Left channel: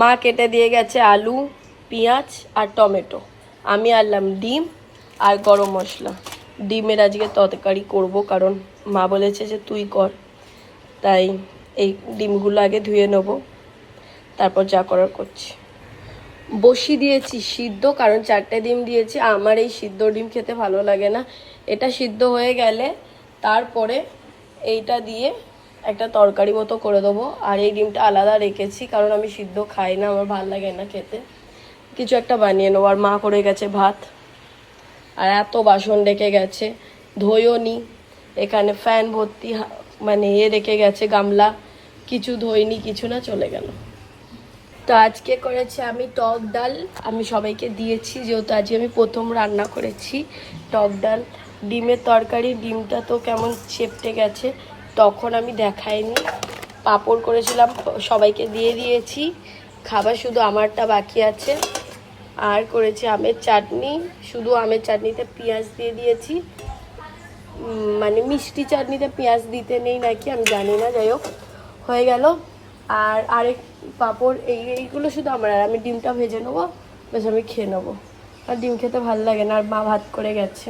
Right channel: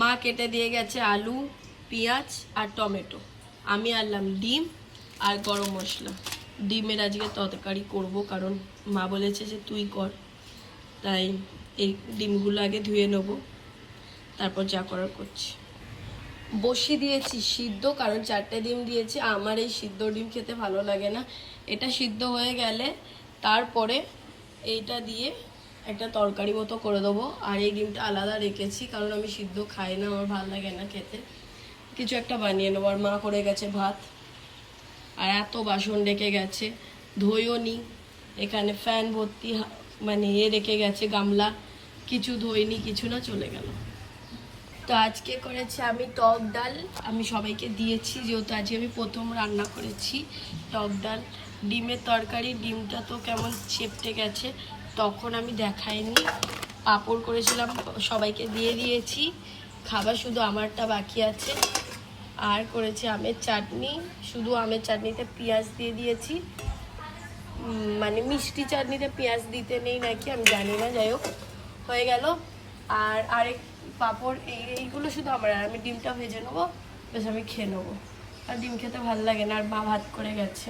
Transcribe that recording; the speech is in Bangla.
মা কেটে দিয়ে গেছে আলু, পেঁয়াজ আর টমেটো। আমি আনলাম ডিম আর গরম মশলা। ডিমের আজকে তরকারি করব, কারণ মা বলেছে যে তুই কর। তাই এই ডিমগুলো আগে ধুয়ে নেব, তারপর যা করার করছি। বসিয়ে দিয়েছি সিদ্ধ, কারণ 4টে ডিম দিয়েছি। আমার এই সিদ্ধ ডিম খেতে ভালো লাগে না। এটা সিদ্ধ হয়ে গেলে তারপরে এইটা দিয়ে একটা তরকারি মতো করে দেবো। আর এই ডিমটা আলাদা রেখেছি, কারণ আমি সিদ্ধ খাই না, আমার ভালো লাগে না খেতে। কিছু একটা বানিয়ে নেবো। আর মা করে গেছে ভাত, আর এত বাসন রেখে গেছে, ধুইও নি। এখানে ফ্যান ভর্তি মানে রেখে গেছে গামলা, কিছু ধুইনি, কিছু না, চলে গেল। তো আজকে করেছি আমি টক ডাল। আমি সবাইকে দিয়েছি, যেহেতু আজকে আমি প্রথম রান্না করেছি। টক ডাল, ডিমের তরকারি। ডিমটা তো কেমন চেপটে গেছে, তখন আমি দেখাইনি। পাঁপড় করেছিলাম, সবাইকে দিয়ে দিয়েছি। খাবার শুধু আমারটা বাকি আছে। আর করেছি আমের চাটনি, শুধু আমের চাটনিতে পেঁয়াজ দিয়ে দিয়েছি। মানে মিষ্টি চাটনিতে পেঁয়াজ দিতে নেই নাকি আমি জানি না, যাই হোক হয়ে গেল। আর আরেক পাঁপড়, এইগুলো শুধু আমার। আর আমি ডিমটা ভেজে নেবো, বেশ আমি খেয়ে নেবো। আর ডিম খেতে ভালো লাগে না, আর মা ভাত করে গেছে।